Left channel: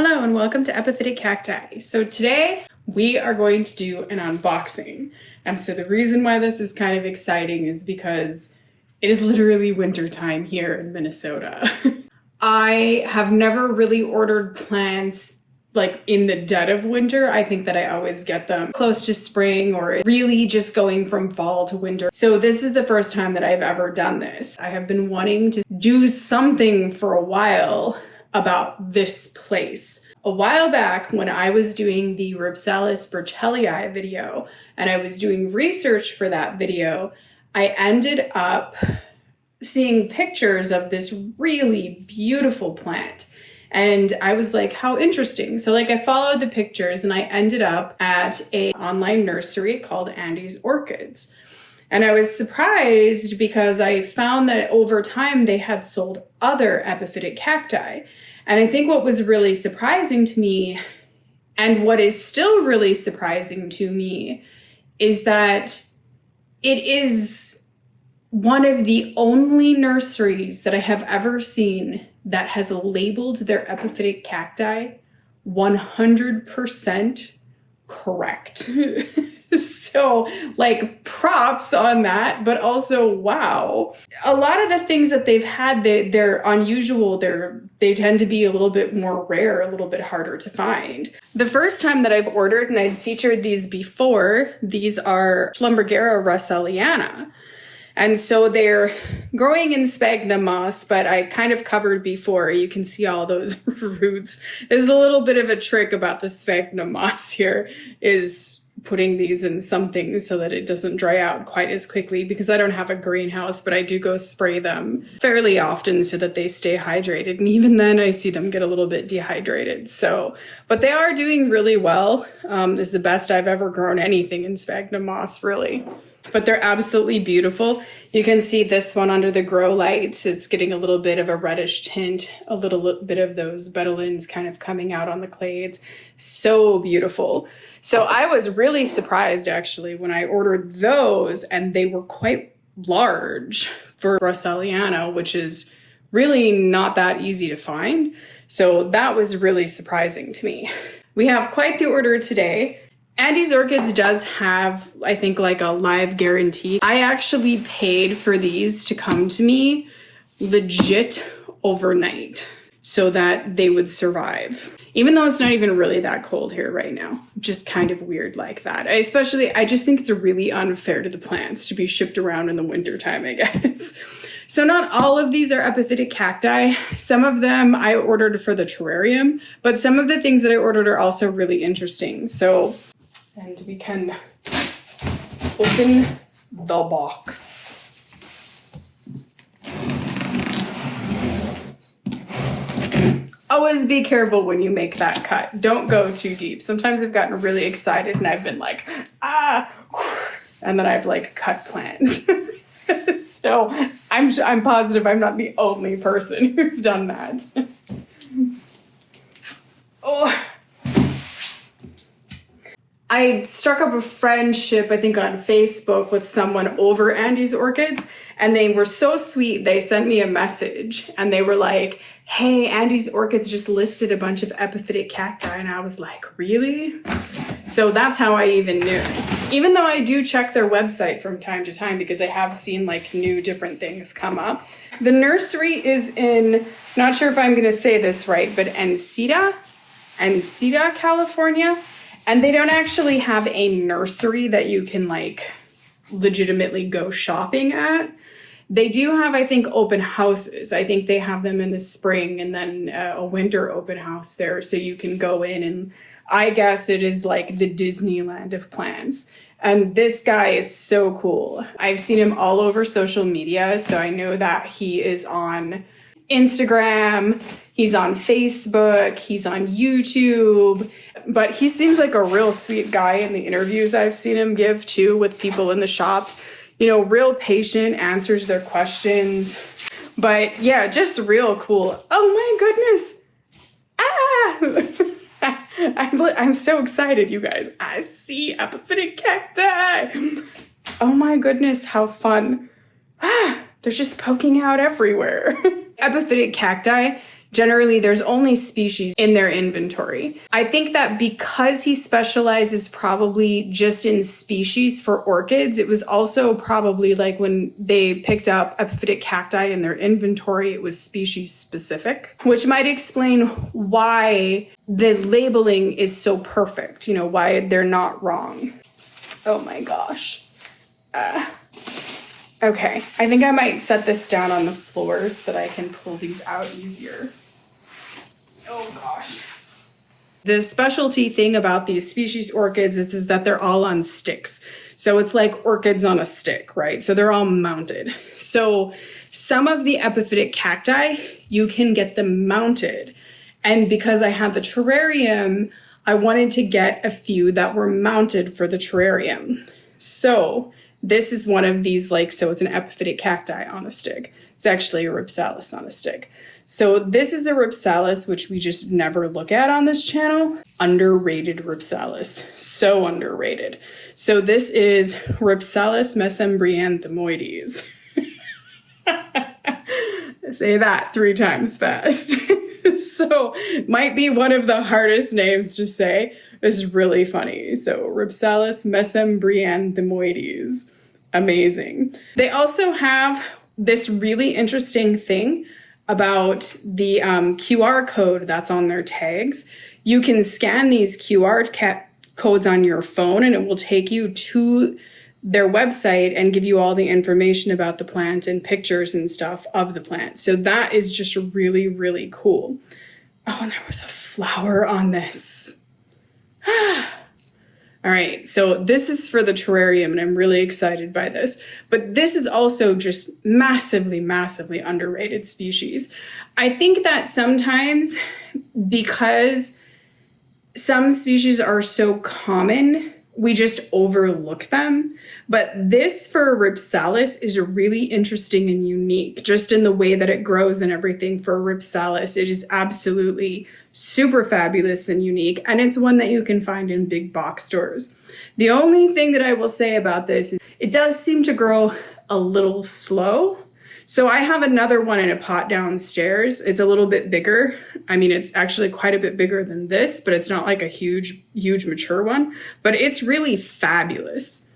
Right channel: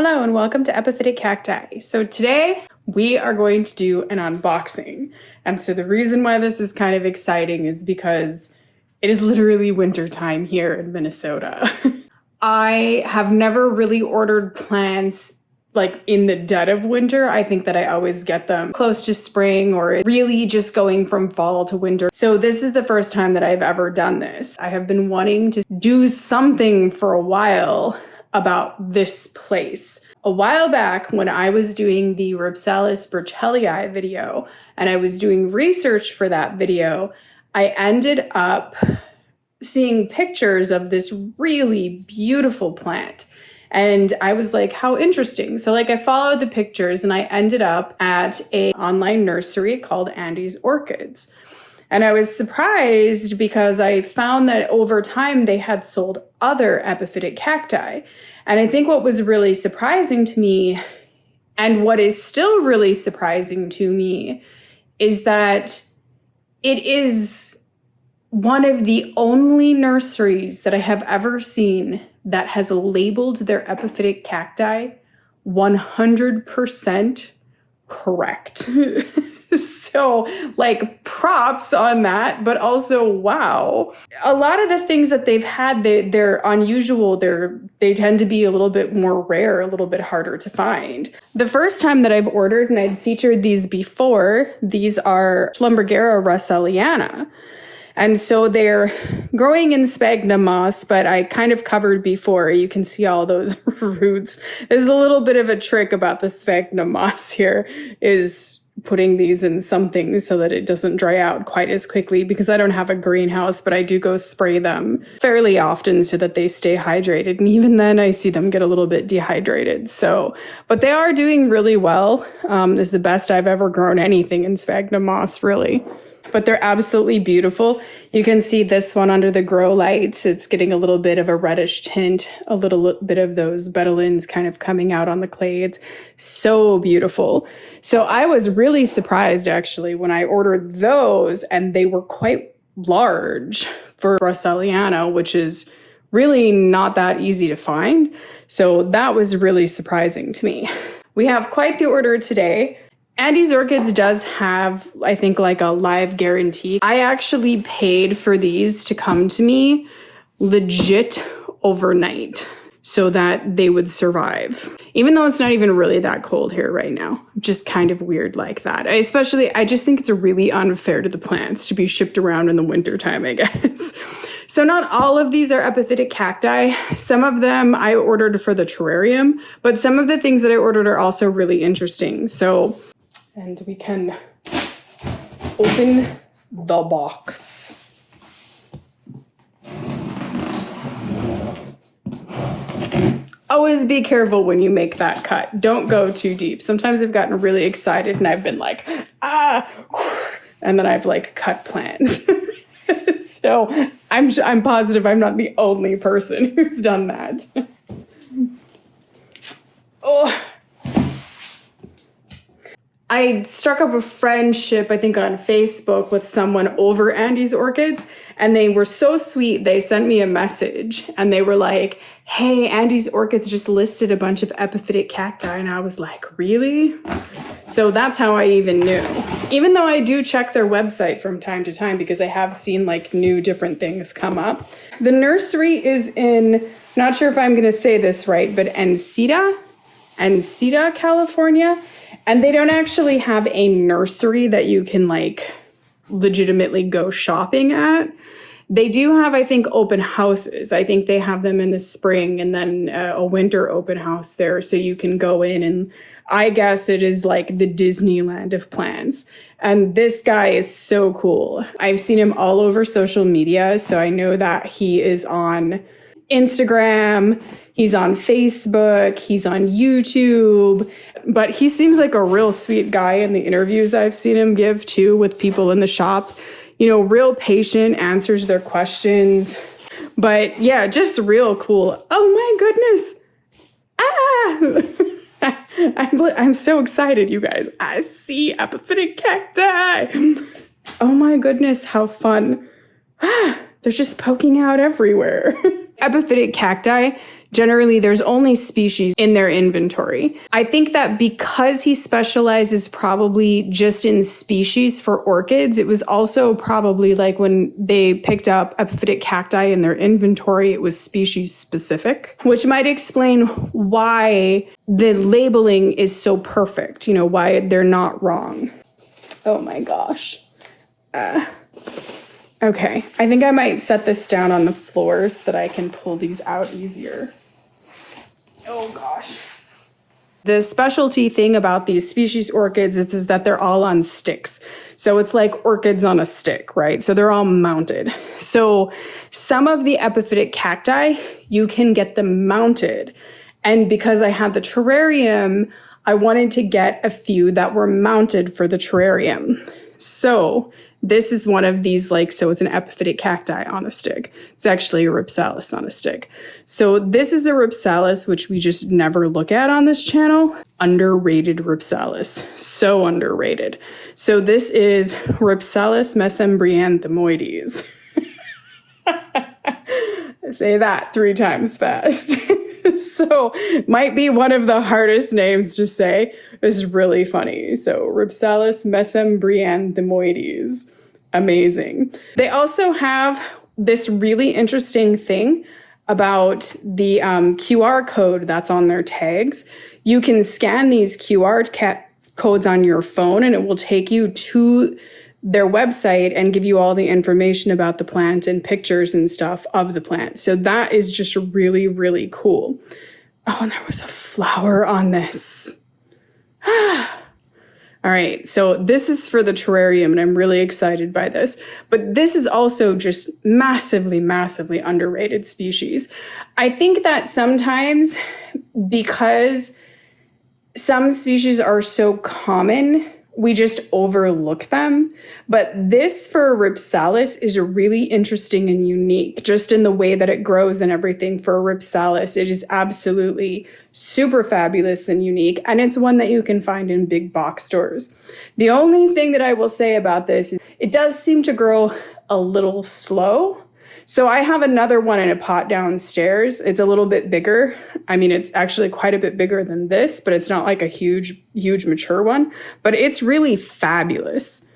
Hello and welcome to Epiphytic Cacti. So today we are going to do an unboxing. And so the reason why this is kind of exciting is because it is literally winter time here in Minnesota. I have never really ordered plants like in the dead of winter. I think that I always get them close to spring or really just going from fall to winter. So this is the first time that I've ever done this. I have been wanting to do something for a while about this place. A while back when I was doing the Rhipsalis Burchellii video and I was doing research for that video, I ended up seeing pictures of this really beautiful plant. And I was like, how interesting. So I followed the pictures and I ended up at an online nursery called Andy's Orchids. And I was surprised because I found that over time they had sold other epiphytic cacti. And I think what was really surprising to me, and what is still really surprising to me, is that it is one of the only nurseries that I have ever seen that has labeled their epiphytic cacti 100% correct. So props on that, but also wow. A lot of the things that they've had, they're unusual. They tend to be a little bit more rare, a little bit harder to find. The first time that I've ordered, and I'd featured these before, these are Schlumbergera russelliana. And so they're growing in sphagnum moss, but I kind of covered before. You can see all those roots. There's a little bit of a trick about the sphagnum moss here is putting these in something so that it doesn't dry out quite as quickly, because I don't have a greenhouse, but I do go spray them fairly often so that they stay hydrated. And even then I see them get a little bit dehydrated. But they are doing really well. This is the best I've ever grown anything in sphagnum moss, really. But they're absolutely beautiful. You can see this one under the grow lights. It's getting a little bit of a reddish tint, a little bit of those betulins kind of coming out on the clay. It's so beautiful. So I was really surprised actually when I ordered those, and they were quite large for russelliana, which is really not that easy to find. So that was really surprising to me. We have quite the order today. Andy's Orchids does have, I think, a live guarantee. I actually paid for these to come to me legit overnight so that they would survive. Even though it's not even really that cold here right now. Just kind of weird like that. I just think it's really unfair to the plants to be shipped around in the wintertime, I guess. So not all of these are epiphytic cacti. Some of them I ordered for the terrarium, but some of the things that I ordered are also really interesting. And we can open the box. Always be careful when you make that cut. Don't go too deep. Sometimes I've gotten really excited and I've been like, and then I've cut plants. So I'm positive I'm not the only person who's done that. Oh. I struck up a friendship, I think, on Facebook with someone over Andy's Orchids, and they were so sweet. They sent me a message, and they were like, hey, Andy's Orchids just listed a bunch of epiphytic cacti, and I was like, really? So that's how I even knew. Even though I do check their website from time to time, because I have seen new different things come up. The nursery is in, not sure if I'm going to say this right, but Encita, California. And they don't actually have a nursery that you can legitimately go shopping at. They do have, I think, open houses. I think they have them in the spring and then a winter open house there. So you can go in, and I guess it is like the Disneyland of plants. And this guy is so cool. I've seen him all over social media. So I know that he is on Instagram, he's on Facebook, he's on YouTube. But he seems like a real sweet guy in the interviews I've seen him give too with people in the shop. Real patient, answers their questions. But yeah, just real cool. Oh my goodness. I'm so excited, you guys. I see epiphytic cacti. Oh my goodness, how fun. They're just poking out everywhere. Epiphytic cacti Generally, there's only species in their inventory. I think that because he specializes probably just in species for orchids, it was also probably like when they picked up epiphytic cacti in their inventory, it was species specific, which might explain why the labeling is so perfect, why they're not wrong. Oh my gosh. Okay, I think I might set this down on the floor so that I can pull these out easier. Oh gosh. The specialty thing about these species orchids is that they're all on sticks. So it's like orchids on a stick, right? So they're all mounted. So some of the epiphytic cacti, you can get them mounted. And because I had the terrarium, I wanted to get a few that were mounted for the terrarium. So this is one of these, so it's an epiphytic cacti on a stick. It's actually a Rhipsalis on a stick. So this is a Rhipsalis, which we just never look at on this channel. Underrated Rhipsalis. So underrated. So this is Rhipsalis Mesembryanthemoides. Say that 3 times fast. So might be one of the hardest names to say. It's really funny. So Rhipsalis Mesembryanthemoides. Amazing. They also have this really interesting thing about the QR code that's on their tags. You can scan these QR codes on your phone and it will take you to their website and give you all the information about the plant and pictures and stuff of the plant. So that is just really, really cool. Oh, and there was a flower on this. All right, so this is for the terrarium, and I'm really excited by this. But this is also just massively, massively underrated species. I think that sometimes because some species are so common, we just overlook them. But this for Rhipsalis is really interesting and unique, just in the way that it grows and everything for Rhipsalis. It is absolutely super fabulous and unique, and it's one that you can find in big box stores. The only thing that I will say about this is it does seem to grow a little slow. So I have another one in a pot downstairs. It's a little bit bigger. I mean, it's actually quite a bit bigger than this, but it's not like a huge mature one, but it's really fabulous.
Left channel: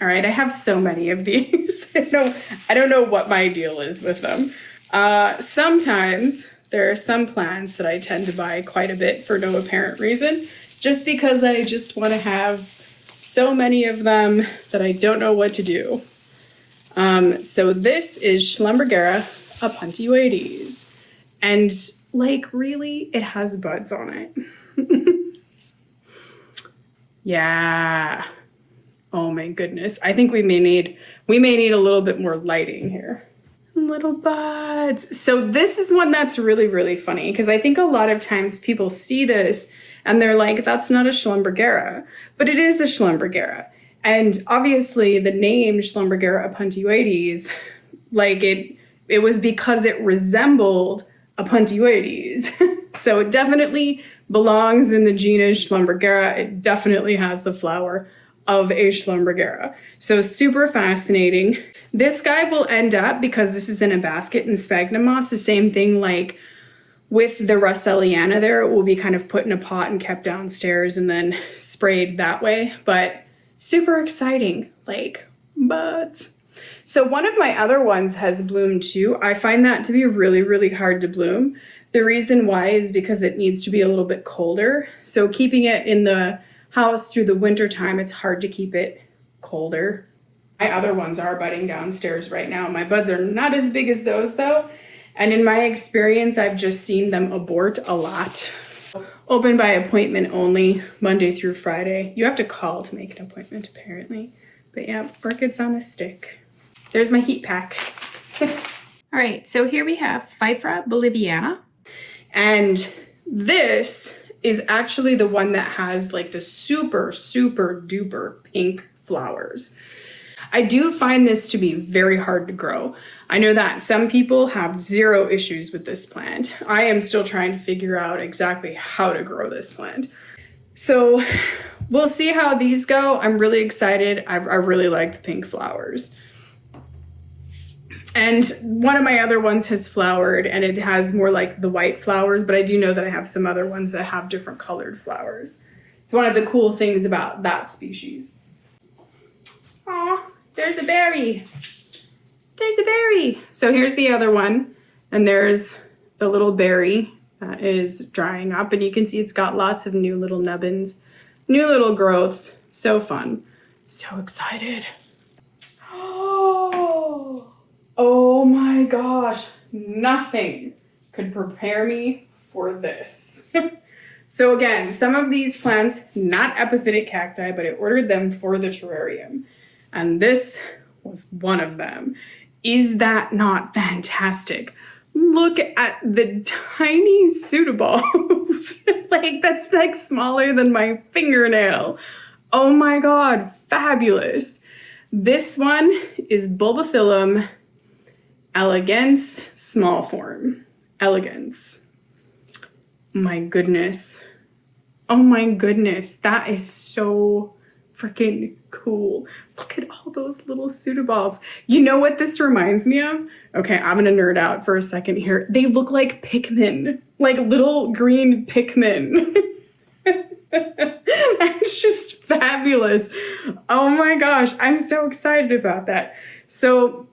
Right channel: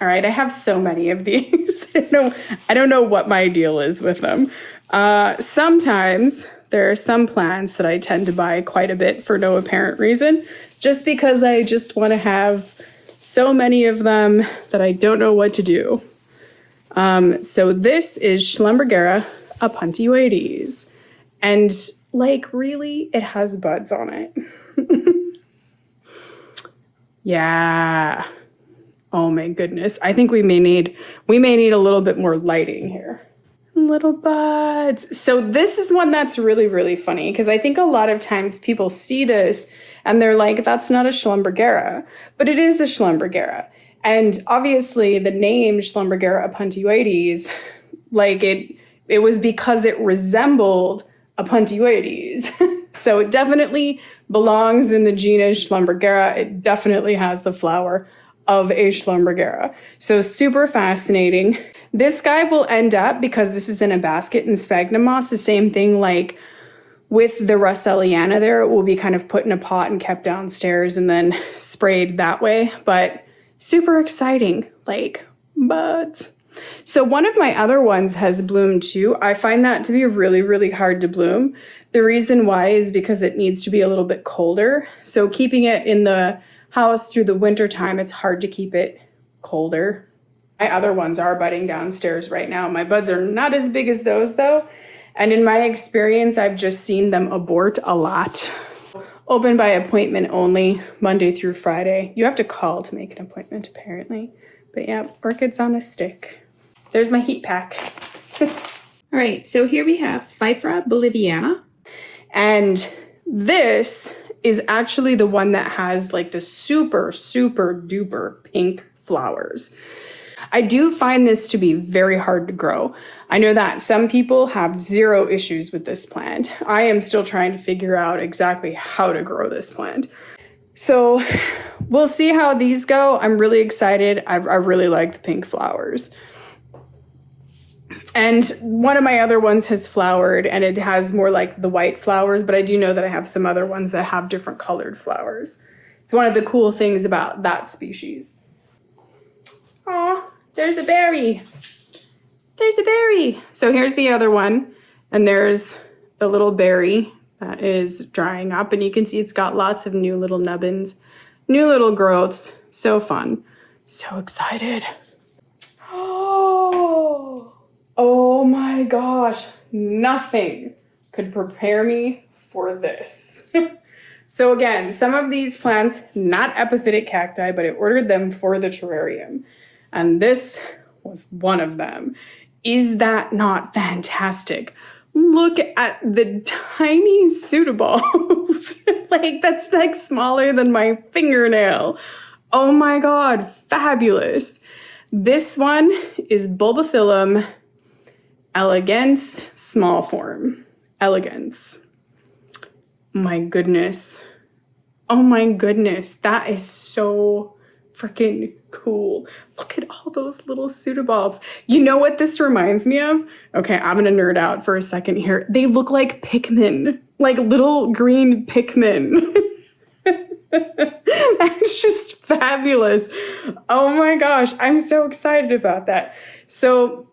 All right, I have so many of these. I don't know what my deal is with them. Sometimes there are some plants that I tend to buy quite a bit for no apparent reason, just because I just want to have so many of them that I don't know what to do. So this is Schlumbergera opuntioides. And really, it has buds on it. Yeah. Oh my goodness. I think we may need a little bit more lighting here. Little buds. So this is one that's really, really funny because I think a lot of times people see this and they're like, that's not a Schlumbergera, but it is a Schlumbergera. And obviously the name Schlumbergera opuntioides, it was because it resembled opuntioides. So it definitely belongs in the genus Schlumbergera. It definitely has the flower of a Schlumbergera. So super fascinating. This guy will end up, because this is in a basket in sphagnum moss, the same thing with the russelliana there. It will be kind of put in a pot and kept downstairs and then sprayed that way. But super exciting, buds. So one of my other ones has bloomed too. I find that to be really, really hard to bloom. The reason why is because it needs to be a little bit colder. So keeping it in the house through the winter time, it's hard to keep it colder. My other ones are budding downstairs right now. My buds are not as big as those though. And in my experience, I've just seen them abort a lot. Open by appointment only, Monday through Friday. You have to call to make an appointment apparently. But yeah, orchids on a stick. There's my heat pack. All right, so here we have Pfeiffera Boliviana. And this is actually the one that has the super, super duper pink flowers. I do find this to be very hard to grow. I know that some people have zero issues with this plant. I am still trying to figure out exactly how to grow this plant. So we'll see how these go. I'm really excited. I really like the pink flowers. And one of my other ones has flowered, and it has more like the white flowers, but I do know that I have some other ones that have different colored flowers. It's one of the cool things about that species. Aw, there's a berry. There's a berry. So here's the other one, and there's the little berry that is drying up, and you can see it's got lots of new little nubbins, new little growths. So fun. So excited. Oh my gosh, nothing could prepare me for this. So again, some of these plants, not epiphytic cacti, but I ordered them for the terrarium. And this was one of them. Is that not fantastic? Look at the tiny pseudobulbs. Like, that's like smaller than my fingernail. Oh my God, fabulous. This one is Bulbophyllum alagense, small form. Elegance. My goodness. Oh my goodness. That is so freaking cool. Look at all those little pseudobulbs. You know what this reminds me of? Okay, I'm gonna nerd out for a second here. They look like Pikmin. Like little green Pikmin. It's just fabulous. Oh my gosh, I'm so excited about that. So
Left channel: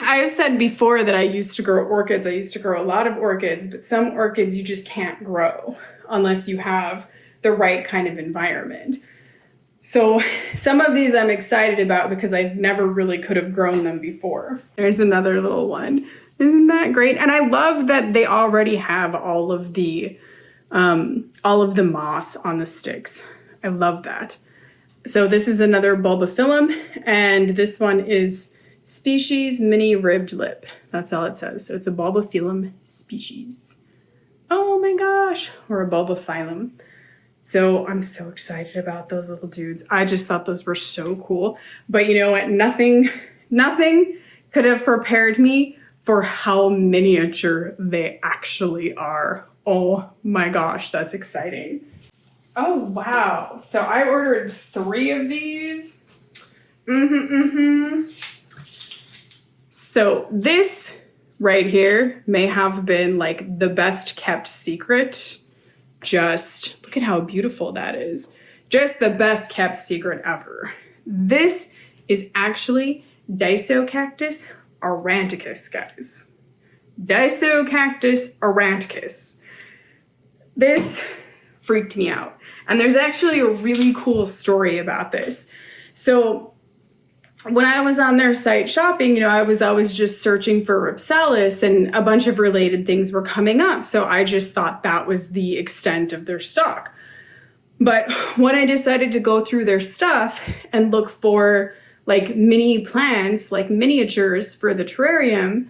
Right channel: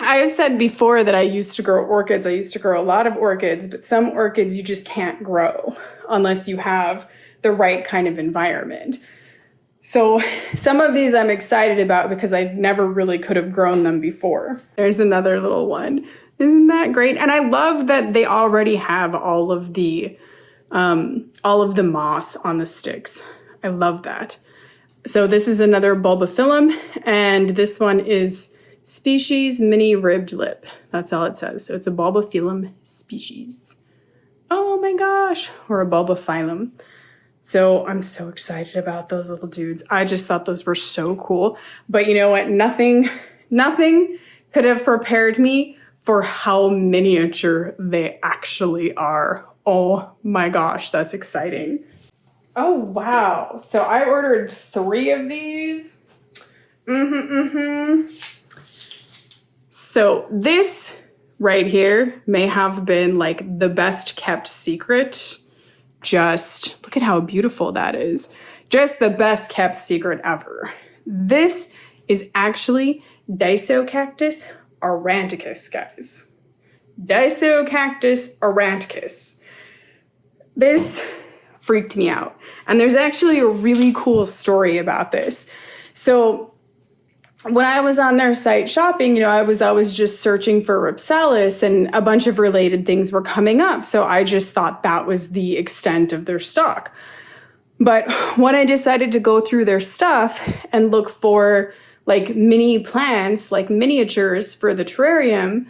I have said before that I used to grow orchids. I used to grow a lot of orchids, but some orchids you just can't grow unless you have the right kind of environment. So some of these I'm excited about because I never really could have grown them before. There's another little one. Isn't that great? And I love that they already have all of the moss on the sticks. I love that. So this is another Bulbophyllum, and this one is species mini ribbed lip. That's all it says. So it's a Bulbophyllum species. Oh my gosh, or a Bulbophyllum. So I'm so excited about those little dudes. I just thought those were so cool. But you know what? Nothing could have prepared me for how miniature they actually are. Oh my gosh, that's exciting. Oh wow. So I ordered 3 of these. So this right here may have been like the best kept secret. Just look at how beautiful that is. Just the best kept secret ever. This is actually Disocactus aurantiacus, guys. Disocactus aurantiacus. This freaked me out. And there's actually a really cool story about this. So when I was on their site shopping, I was always just searching for Rhipsalis, and a bunch of related things were coming up. So I just thought that was the extent of their stock. But when I decided to go through their stuff and look for like mini plants, like miniatures for the terrarium,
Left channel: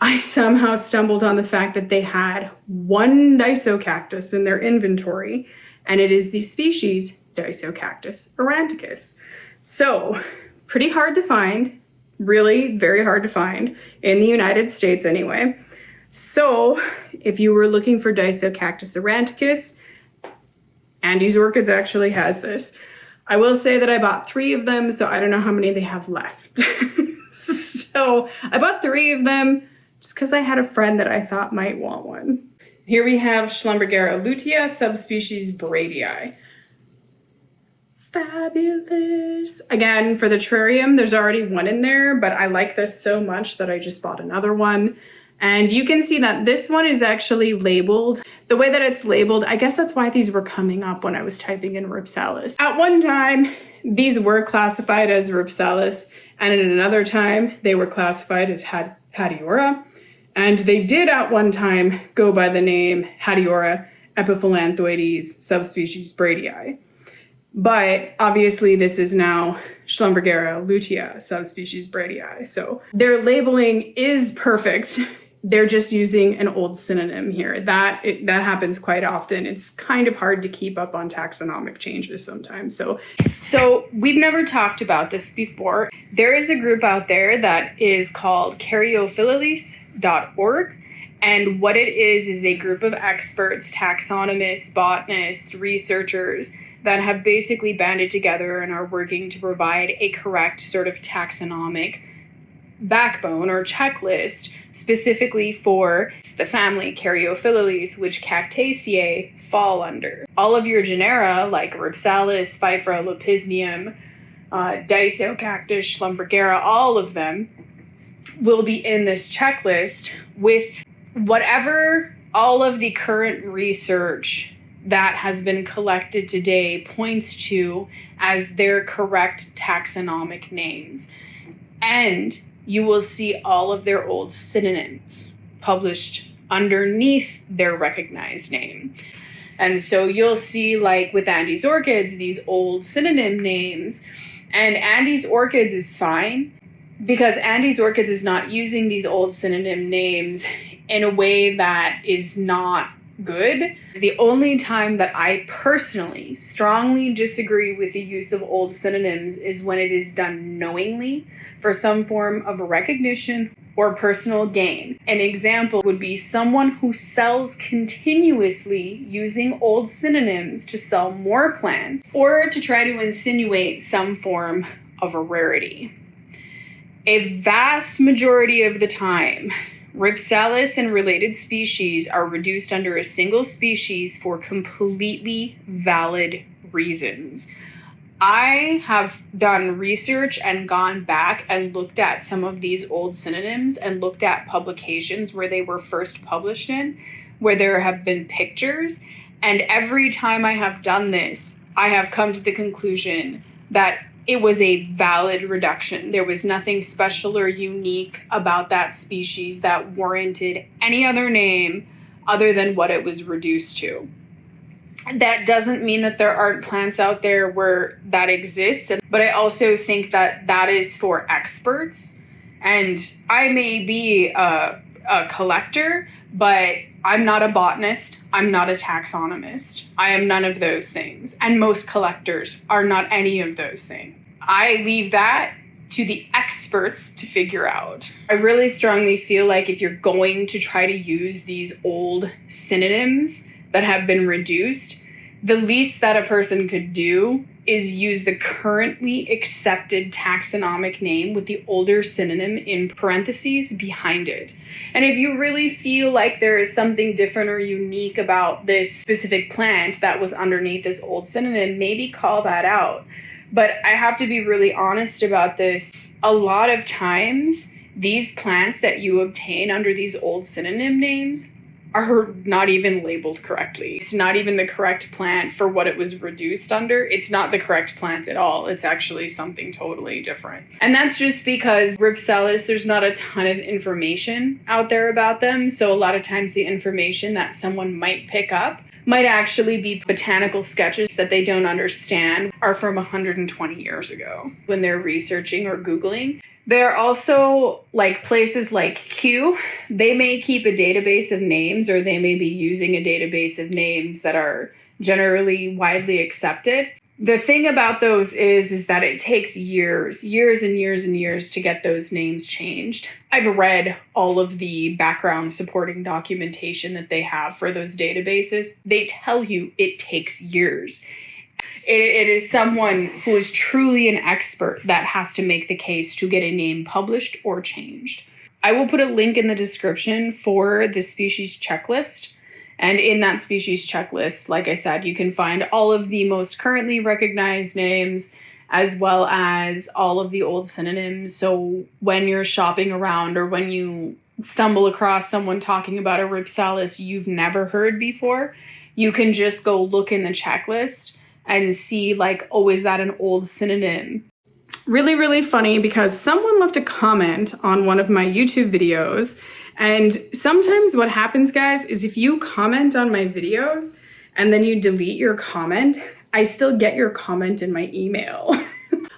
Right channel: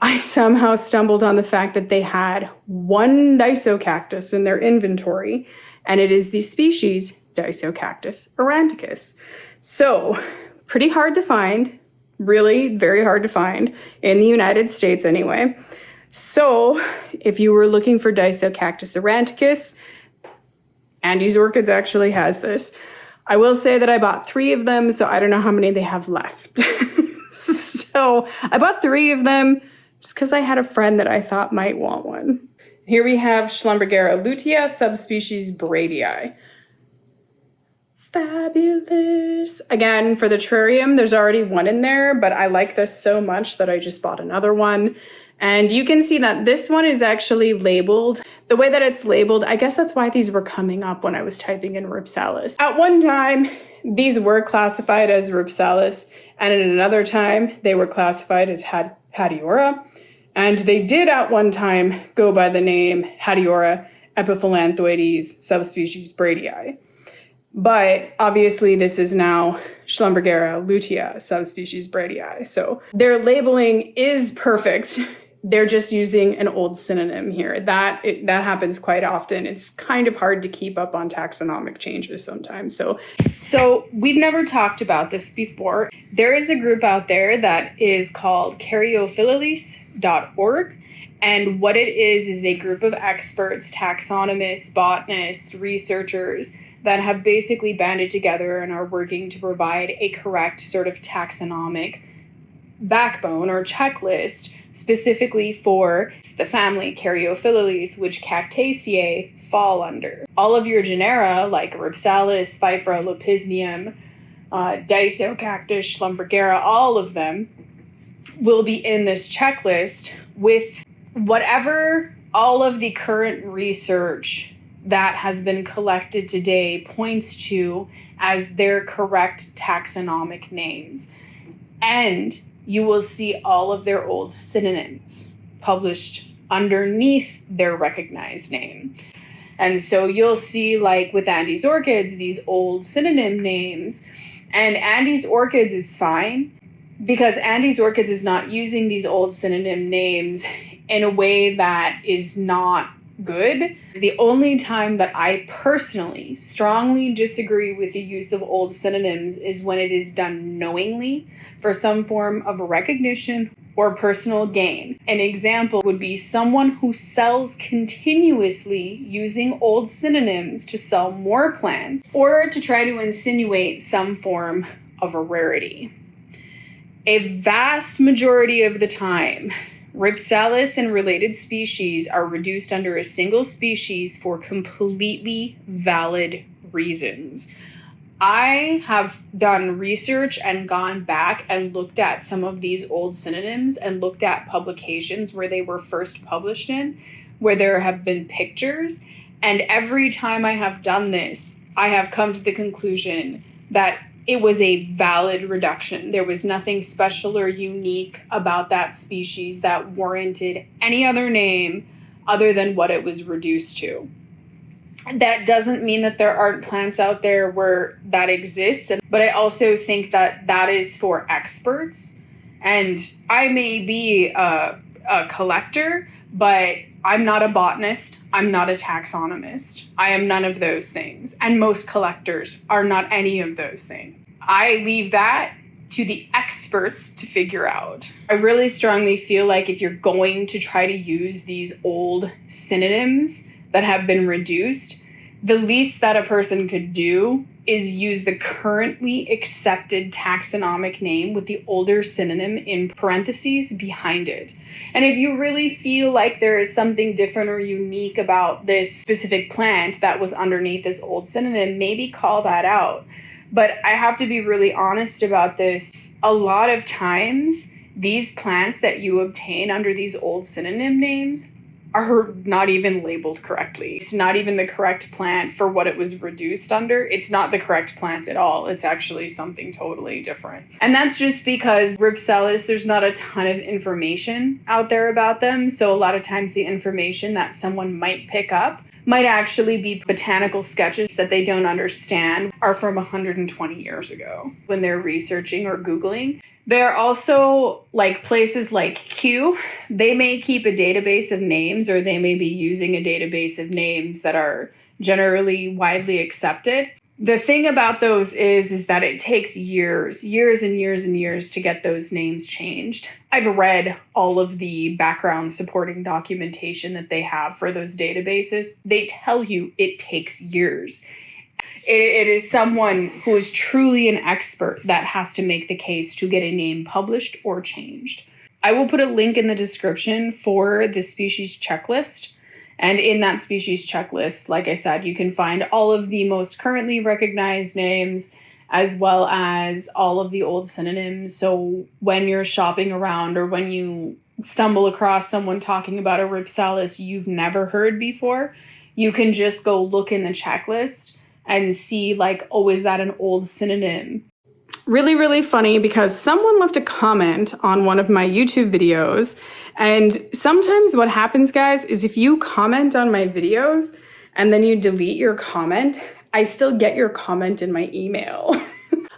I somehow stumbled on the fact that they had one Disocactus in their inventory, and it is the species Disocactus aurantiacus. So pretty hard to find, really very hard to find in the United States anyway. So if you were looking for Disocactus aurantiacus, Andy's Orchids actually has this. I will say that I bought 3 of them, so I don't know how many they have left. So I bought 3 of them just because I had a friend that I thought might want one. Here we have Schlumbergera lutea, subspecies Bradei. Fabulous. Again, for the terrarium, there's already one in there, but I like this so much that I just bought another one. And you can see that this one is actually labeled. The way that it's labeled, I guess that's why these were coming up when I was typing in Rhipsalis. At one time, these were classified as Rhipsalis, and at another time, they were classified as Hatiora. And they did at one time go by the name Hatiora Epiphytic subspecies Bradei. But obviously this is now Schlumbergera lutea subspecies Bradei. So their labeling is perfect. They're just using an old synonym here. That happens quite often. It's kind of hard to keep up on taxonomic changes sometimes. So we've never talked about this before. There is a group out there that is called Caryophyllus.org. And what it is a group of experts, taxonomists, botanists, researchers that have basically banded together and are working to provide a correct sort of taxonomic backbone or checklist specifically for the family Caryophyllales, which Cactaceae fall under. All of your genera like Rhipsalis, Pfeiffera, Lepismium, Disocactus, Schlumbergera, all of them will be in this checklist with whatever all of the current research that has been collected today points to as their correct taxonomic names. And you will see all of their old synonyms published underneath their recognized name. And so you'll see, like with Andes orchids, these old synonym names. And Andes orchids is fine because Andes orchids is not using these old synonym names in a way that is not good. The only time that I personally strongly disagree with the use of old synonyms is when it is done knowingly for some form of recognition or personal gain. An example would be someone who sells continuously using old synonyms to sell more plants or to try to insinuate some form of a rarity. A vast majority of the time, Rhipsalis and related species are reduced under a single species for completely valid reasons. I have done research and gone back and looked at some of these old synonyms and looked at publications where they were first published in, where there have been pictures. And every time I have done this, I have come to the conclusion that it was a valid reduction. There was nothing special or unique about that species that warranted any other name other than what it was reduced to. That doesn't mean that there aren't plants out there where that exists, but I also think that that is for experts. And I may be a collector, but I'm not a botanist. I'm not a taxonomist. I am none of those things. And most collectors are not any of those things. I leave that to the experts to figure out. I really strongly feel like if you're going to try to use these old synonyms that have been reduced, the least that a person could do is use the currently accepted taxonomic name with the older synonym in parentheses behind it. And if you really feel like there is something different or unique about this specific plant that was underneath this old synonym, maybe call that out. But I have to be really honest about this. A lot of times, these plants that you obtain under these old synonym names are not even labeled correctly. It's not even the correct plant for what it was reduced under. It's not the correct plant at all. It's actually something totally different. And that's just because Rhipsalis, there's not a ton of information out there about them. So a lot of times the information that someone might pick up might actually be botanical sketches that they don't understand are from 120 years ago when they're researching or Googling. There are also like places like Q. They may keep a database of names, or they may be using a database of names that are generally widely accepted. The thing about those is that it takes years and years and years to get those names changed. I've read all of the background supporting documentation that they have for those databases. They tell you it takes years. It is someone who is truly an expert that has to make the case to get a name published or changed. I will put a link in the description for the species checklist. And in that species checklist, like I said, you can find all of the most currently recognized names as well as all of the old synonyms. So when you're shopping around or when you stumble across someone talking about a Rhipsalis you've never heard before, you can just go look in the checklist and see like, oh, is that an old synonym? Really, really funny because someone left a comment on one of my YouTube videos. And sometimes what happens, guys, is if you comment on my videos and then you delete your comment, I still get your comment in my email.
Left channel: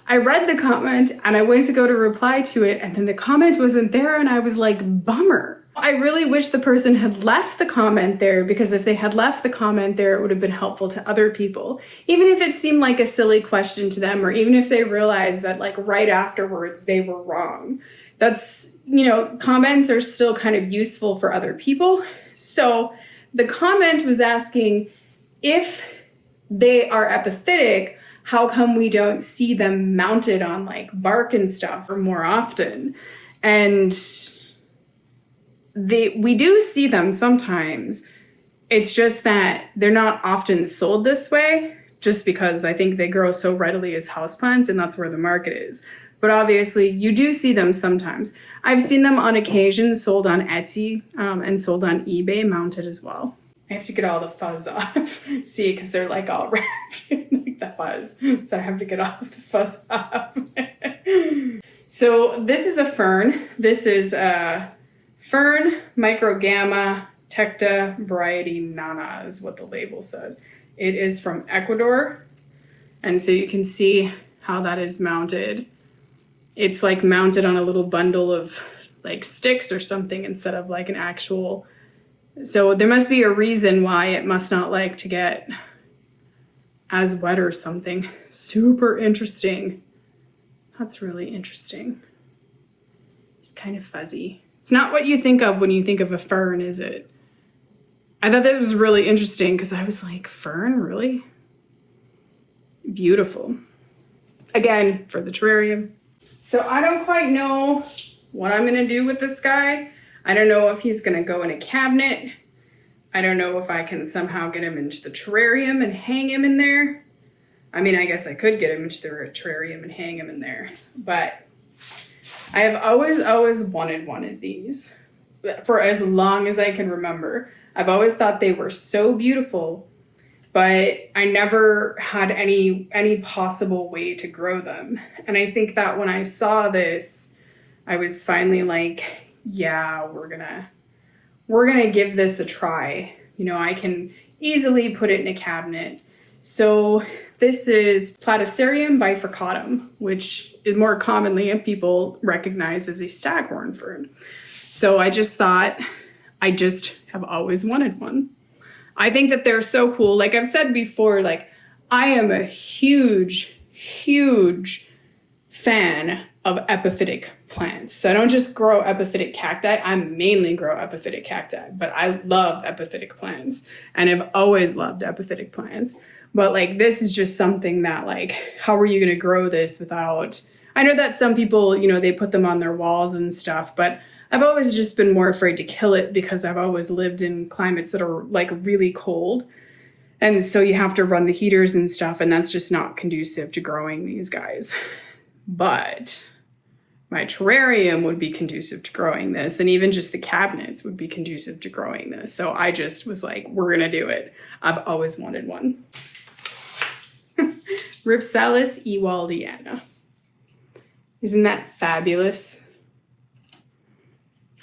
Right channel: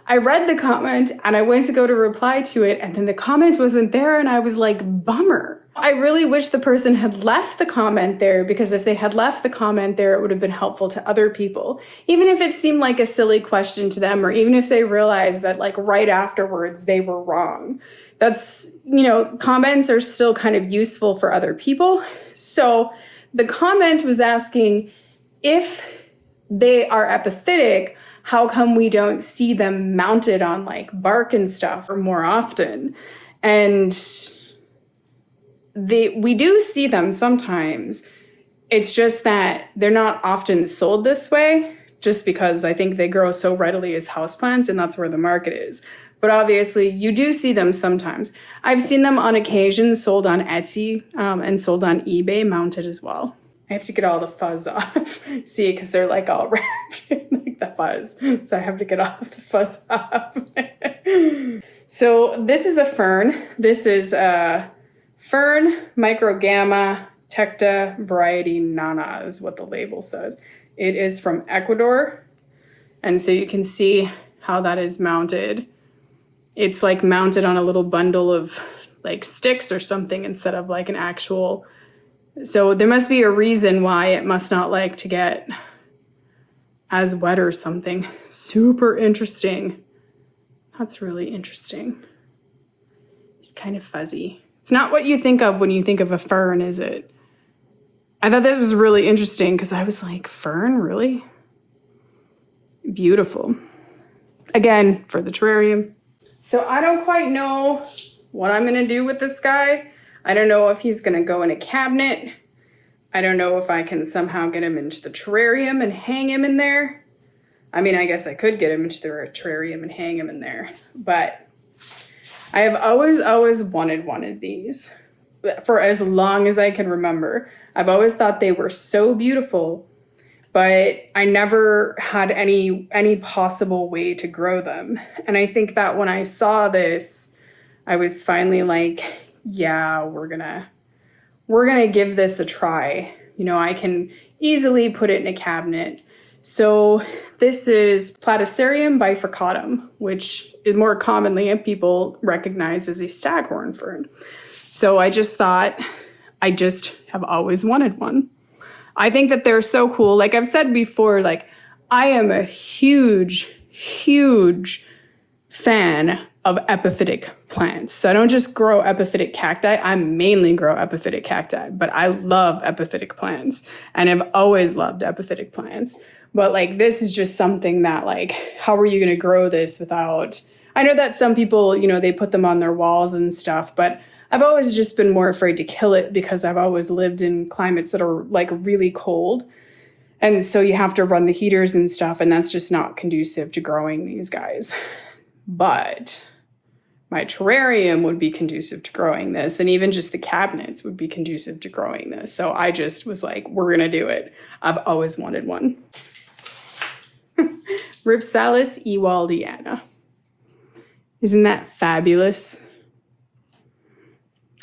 I read the comment and I went to go to reply to it and then the comment wasn't there and I was like, bummer. I really wish the person had left the comment there, because if they had left the comment there, it would have been helpful to other people. Even if it seemed like a silly question to them, or even if they realized that like right afterwards they were wrong. That's, comments are still kind of useful for other people. So the comment was asking if they are epiphytic, how come we don't see them mounted on like bark and stuff or more often? And we do see them sometimes. It's just that they're not often sold this way, just because I think they grow so readily as houseplants, and that's where the market is. But obviously, you do see them sometimes. I've seen them on occasion sold on Etsy and sold on eBay, mounted as well. I have to get all the fuzz off. See, because they're like all wrapped in like the fuzz. So I have to get all the fuzz off. So this is a fern. This is a fern, Microgramma, tecta variety nana is what the label says. It is from Ecuador. And so you can see how that is mounted. It's like mounted on a little bundle of like sticks or something instead of like an actual. So there must be a reason why it must not like to get as wet or something. Super interesting. That's really interesting. It's kind of fuzzy. It's not what you think of when you think of a fern, is it? I thought that was really interesting because I was like, fern, really? Beautiful. Again, for the terrarium. So I don't quite know what I'm going to do with this guy. I don't know if he's going to go in a cabinet. I don't know if I can somehow get him into the terrarium and hang him in there. I mean, I guess I could get him into the terrarium and hang him in there. But I have always wanted one of these for as long as I can remember. I've always thought they were so beautiful, but I never had any possible way to grow them. And I think that when I saw this, I was finally like, yeah, we're gonna give this a try. You know, I can easily put it in a cabinet. So this is Platycerium bifurcatum, which is more commonly people recognize as a staghorn fern. So I just thought, I just have always wanted one. I think that they're so cool. Like I've said before, like I am a huge fan of epiphytic plants. So I don't just grow epiphytic cacti, I mainly grow epiphytic cacti, but I love epiphytic plants and I've always loved epiphytic plants. But like this is just something that like, how are you going to grow this without, I know that some people, you know, they put them on their walls and stuff, but I've always just been more afraid to kill it because I've always lived in climates that are like really cold. And so you have to run the heaters and stuff, and that's just not conducive to growing these guys. But my terrarium would be conducive to growing this, and even just the cabinets would be conducive to growing this. So I just was like, we're going to do it. I've always wanted one. Rhipsalis ewaldiana. Isn't that fabulous?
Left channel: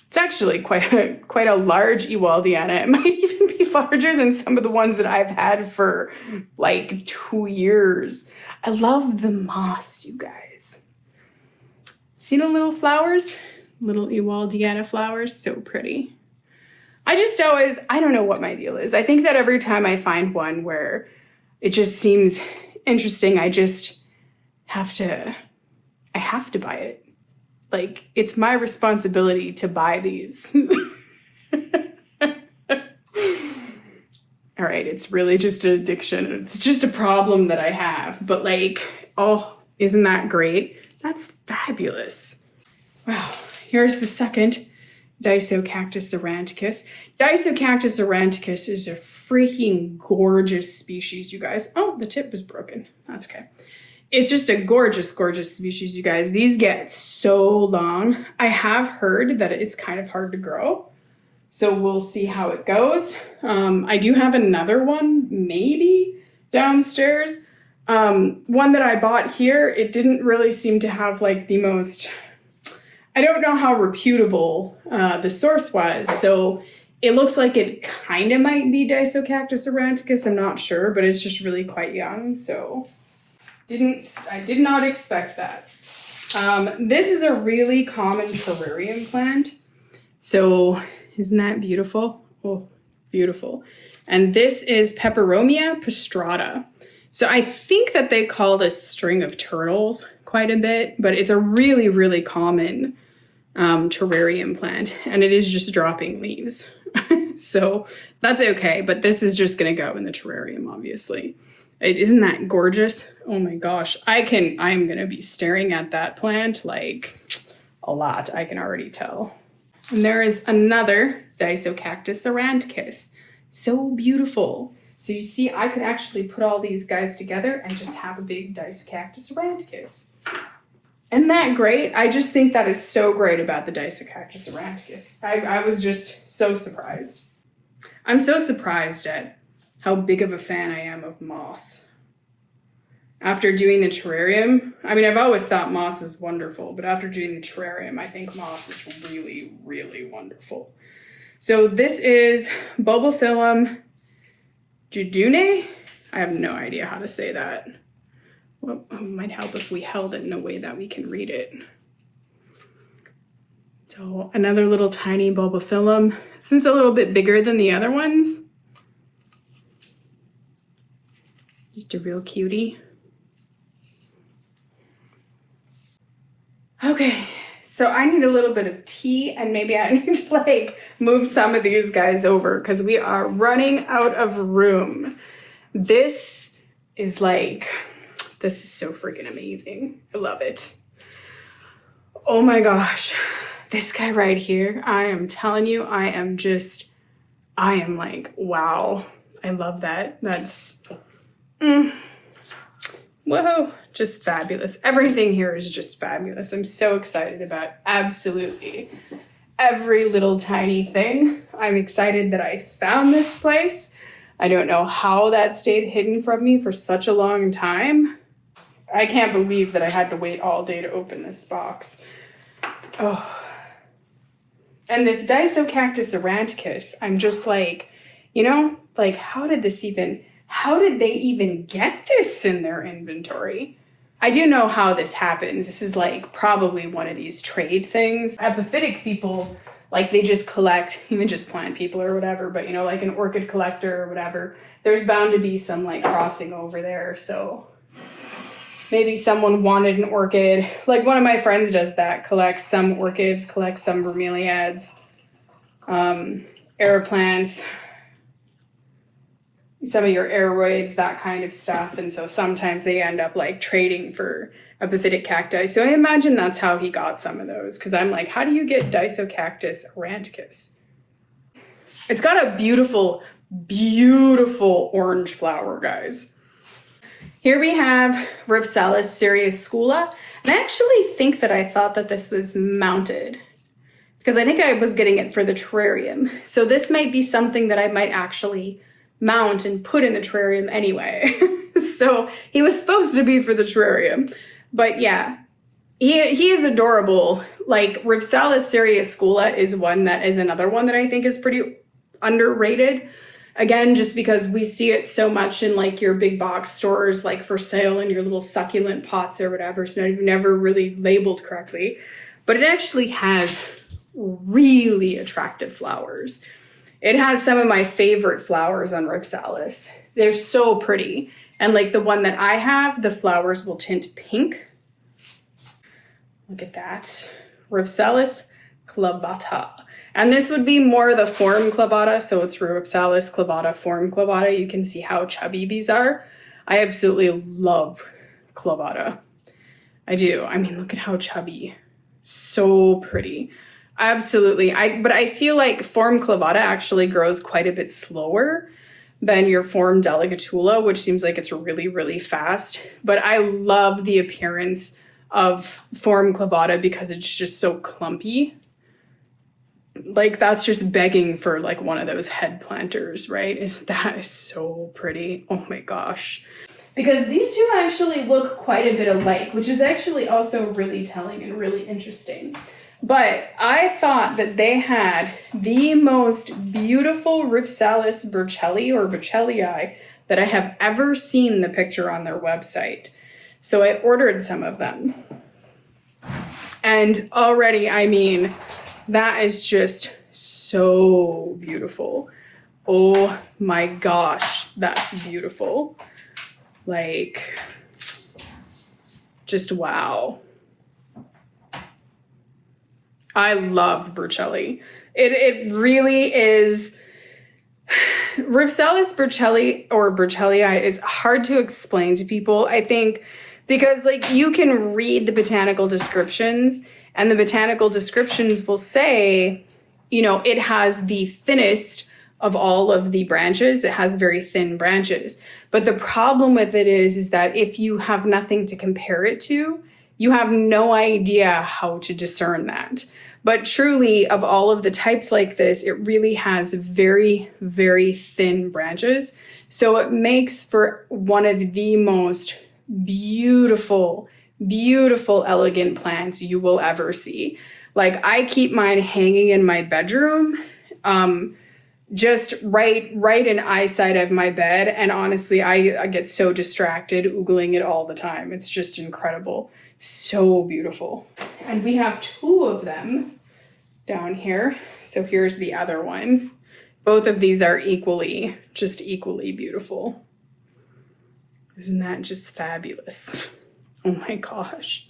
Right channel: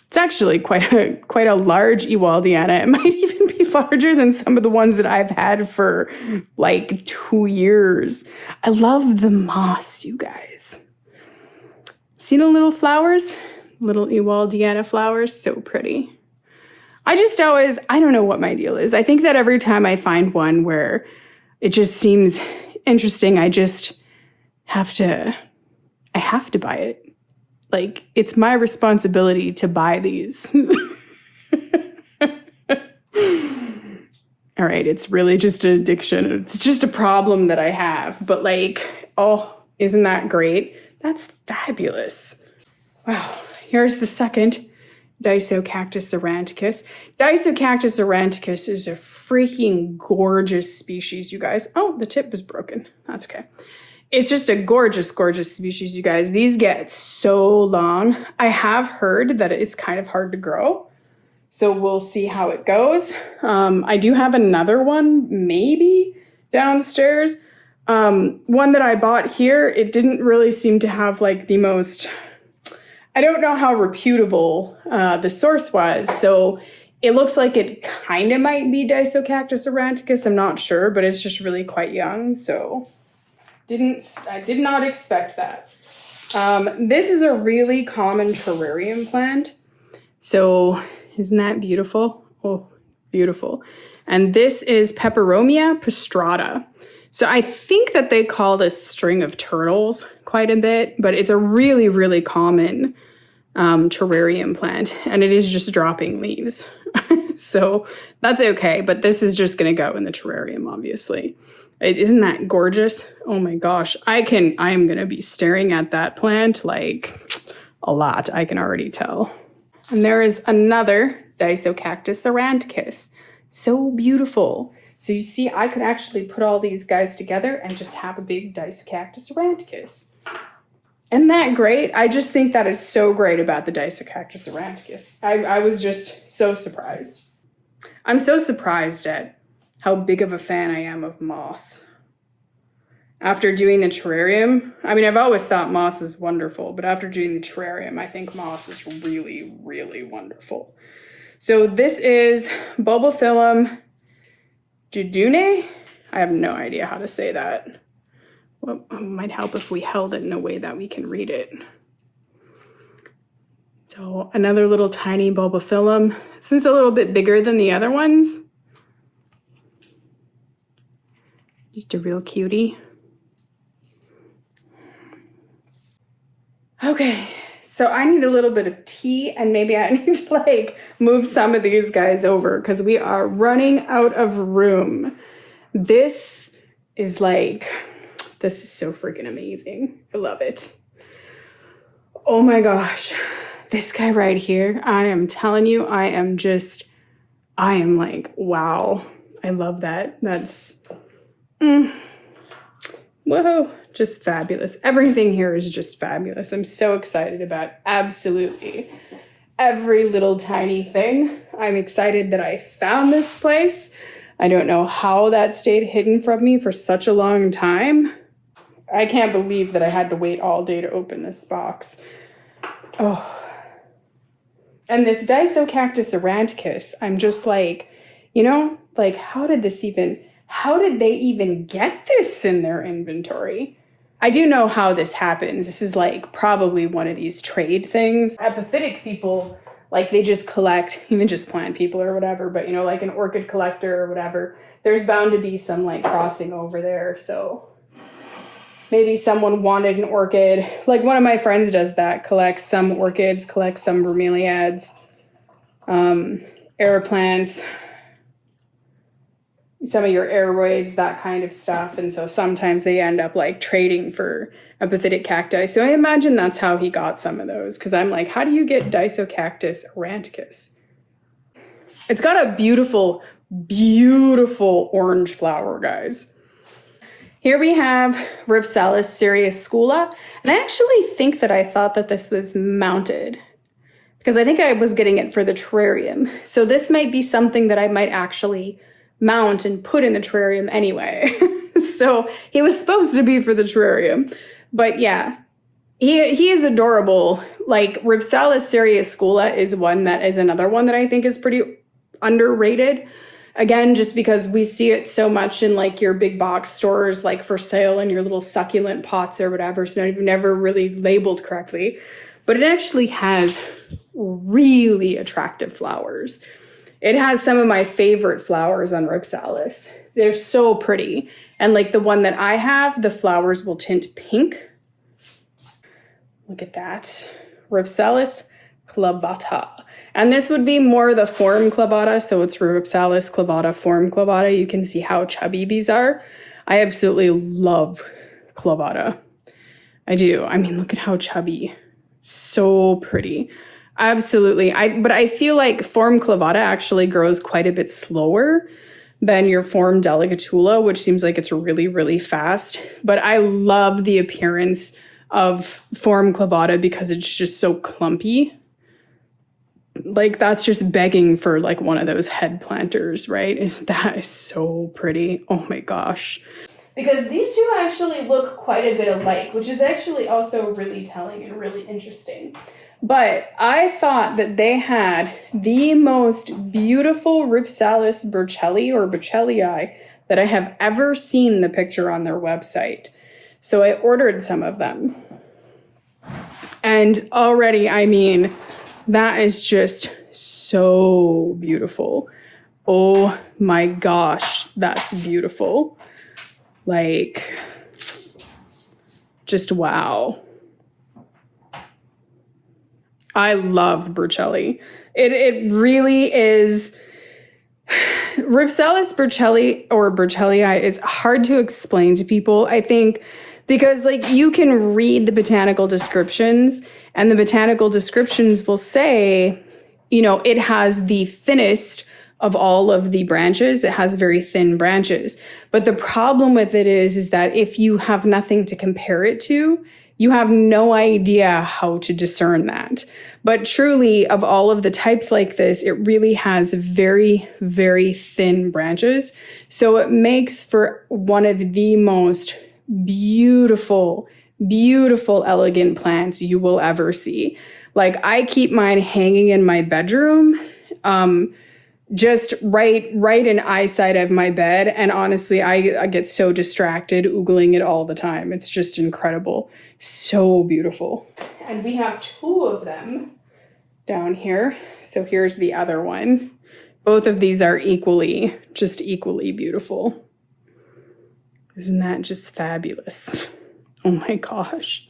It's actually quite a large ewaldiana. It might even be larger than some of the ones that I've had for like 2 years. I love the moss, you guys. See the little flowers? Little ewaldiana flowers, so pretty. I just always, I don't know what my deal is. I think that every time I find one where it just seems interesting, I have to buy it. Like, it's my responsibility to buy these. All right, it's really just an addiction. It's just a problem that I have. But like, oh, isn't that great? That's fabulous. Wow, here's the second Disocactus aurantiacus. Disocactus aurantiacus is a freaking gorgeous species, you guys. Oh, the tip is broken. That's okay. It's just a gorgeous, gorgeous species, you guys. These get so long. I have heard that it's kind of hard to grow. So we'll see how it goes. I do have another one, maybe, downstairs. One that I bought here, it didn't really seem to have like the most, I don't know how reputable the source was. So it looks like it kind of might be Disocactus aurantiacus. I'm not sure, but it's just really quite young. So I did not expect that. This is a really common terrarium plant. So isn't that beautiful? Oh, beautiful. And this is Peperomia prostrata. So I think that they call this string of turtles quite a bit, but it's a really, really common terrarium plant, and it is just dropping leaves. So that's okay, but this is just going to go in the terrarium, obviously. Isn't that gorgeous? Oh my gosh. I am going to be staring at that plant like a lot, I can already tell. And there is another Disocactus aurantiacus. So beautiful. So you see, I could actually put all these guys together and just have a big Disocactus aurantiacus. Isn't that great? I just think that is so great about the Disocactus aurantiacus. I was just so surprised. I'm so surprised at how big of a fan I am of moss. After doing the terrarium, I mean, I've always thought moss was wonderful, but after doing the terrarium, I think moss is really, really wonderful. So this is Bulbophyllum judune. I have no idea how to say that. Well, it might help if we held it in a way that we can read it. So another little tiny Bulbophyllum. This one's a little bit bigger than the other ones. Just a real cutie. Okay, so I need a little bit of tea, and maybe I need to like move some of these guys over because we are running out of room. This is so freaking amazing. I love it. Oh my gosh, this guy right here, I am telling you, I am like, wow, I love that. That's, whoa, just fabulous. Everything here is just fabulous. I'm so excited about absolutely every little tiny thing. I'm excited that I found this place. I don't know how that stayed hidden from me for such a long time. I can't believe that I had to wait all day to open this box. Oh. And this Disocactus aurantiacus, I'm just like, how did they even get this in their inventory? I do know how this happens. This is like probably one of these trade things. Epiphytic people, like they just collect, even just plant people or whatever, but like an orchid collector or whatever, there's bound to be some like crossing over there. So maybe someone wanted an orchid. Like one of my friends does that, collects some orchids, collects some bromeliads, aeroplants, some of your aeroids, that kind of stuff. And so sometimes they end up like trading for epiphytic cacti. So I imagine that's how he got some of those. Because I'm like, how do you get Disocactus aurantiacus? It's got a beautiful, beautiful orange flower, guys. Here we have Rhipsalis Cereuscula. And I actually think that I thought that this was mounted because I think I was getting it for the terrarium. So this might be something that I might actually mount and put in the terrarium anyway. So he was supposed to be for the terrarium. But yeah, he is adorable. Like Rhipsalis Cereuscula is another one that I think is pretty underrated. Again, just because we see it so much in like your big box stores, like for sale in your little succulent pots or whatever. So I've never really labeled correctly, but it actually has really attractive flowers. It has some of my favorite flowers on Rhipsalis. They're so pretty. And like the one that I have, the flowers will tint pink. Look at that. Rhipsalis Clavata. And this would be more the form Clavata. So it's Rhipsalis Clavata, form Clavata. You can see how chubby these are. I absolutely love Clavata. I do. I mean, look at how chubby. So pretty. Absolutely. But I feel like form Clavata actually grows quite a bit slower than your form Delegatula, which seems like it's really, really fast. But I love the appearance of form Clavata because it's just so clumpy. Like that's just begging for like one of those head planters, right? That is so pretty. Oh my gosh. Because these two actually look quite a bit alike, which is actually also really telling and really interesting. But I thought that they had the most beautiful Rhipsalis Burchellii or Burchellii that I have ever seen the picture on their website. So I ordered some of them. And already, I mean, that is just so beautiful. Oh my gosh, that's beautiful. Like, just wow. I love Burchellii. It really is. Rhipsalis Burchellii or Burchellii is hard to explain to people. I think Because like you can read the botanical descriptions, and the botanical descriptions will say, you know, it has the thinnest of all of the branches. It has very thin branches. But the problem with it is that if you have nothing to compare it to, you have no idea how to discern that. But truly, of all of the types like this, it really has very, very thin branches. So it makes for one of the most beautiful, beautiful, elegant plants you will ever see. Like I keep mine hanging in my bedroom, just right in eyesight of my bed. And honestly, I get so distracted oogling it all the time. It's just incredible. So beautiful. And we have two of them down here. So here's the other one. Both of these are equally beautiful. Isn't that just fabulous? Oh my gosh.